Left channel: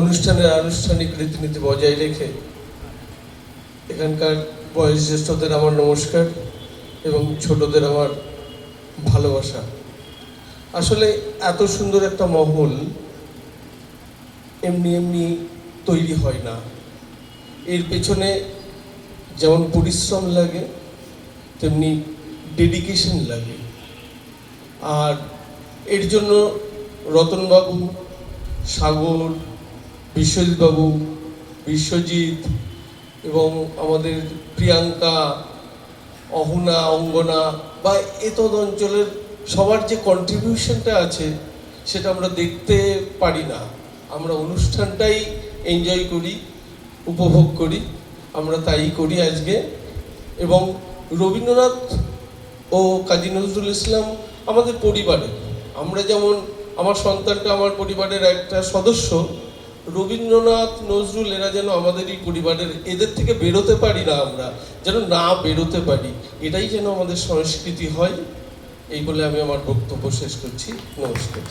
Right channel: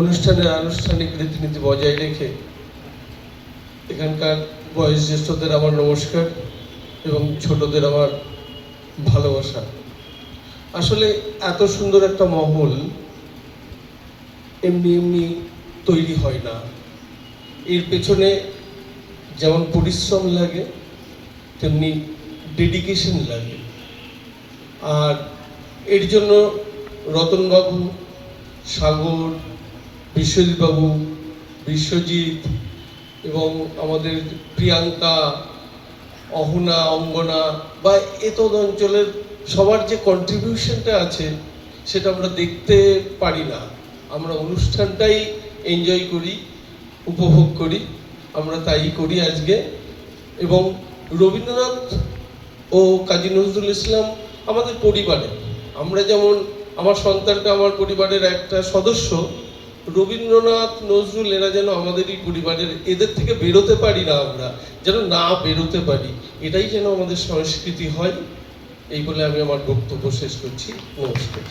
অনুষ্ঠানের আনুষ্ঠানিক রীতিনীতি বজায় রেখে এখানকার বয়োজ্যেষ্ঠদের আমার নমস্কার এবং ছোটদের আমার ভালোবাসা। আসলে এত সুন্দর একটা মহল এমনি এমনি তৈরি হয় না। এর পেছনে যেমন পরিশ্রম লাগে তেমনি ডেডিকেশন লাগে। আর এর জন্য রতনবাবু, সাগর, বিশ্বজিৎবাবু, বিশ্বজিৎ এবং আমাদের প্রিয়াঙ্কা, অহনা, অঙ্গনা বা এতদ অঞ্চলের সবার যে কন্ট্রিবিউশনটা আছে সেটা আমরা দেখতে পারি না। আমরা অনুষ্ঠানটাই এনজয় করি, উপভোগ করি, আমরা তাই করি আজকে। এবং রবীন্দ্রনাথ ও কাজী নজরুল ইসলাম আমাদের পরিবারে, আমরা যেমন আমার সন্তানটা আমার পরিবারের একটা সদস্য, রবীন্দ্রনাথ নজরুল এরা যেন আমাদেরই পরিবারের, এদের থেকে বেরোতে পারি না, আমরা যেন না বেরোতে পারি, এটাই যেন আমাদের সংস্কৃতি হয়। এই বলে আমি আমার বক্তব্য শেষ করছি। নমস্কার।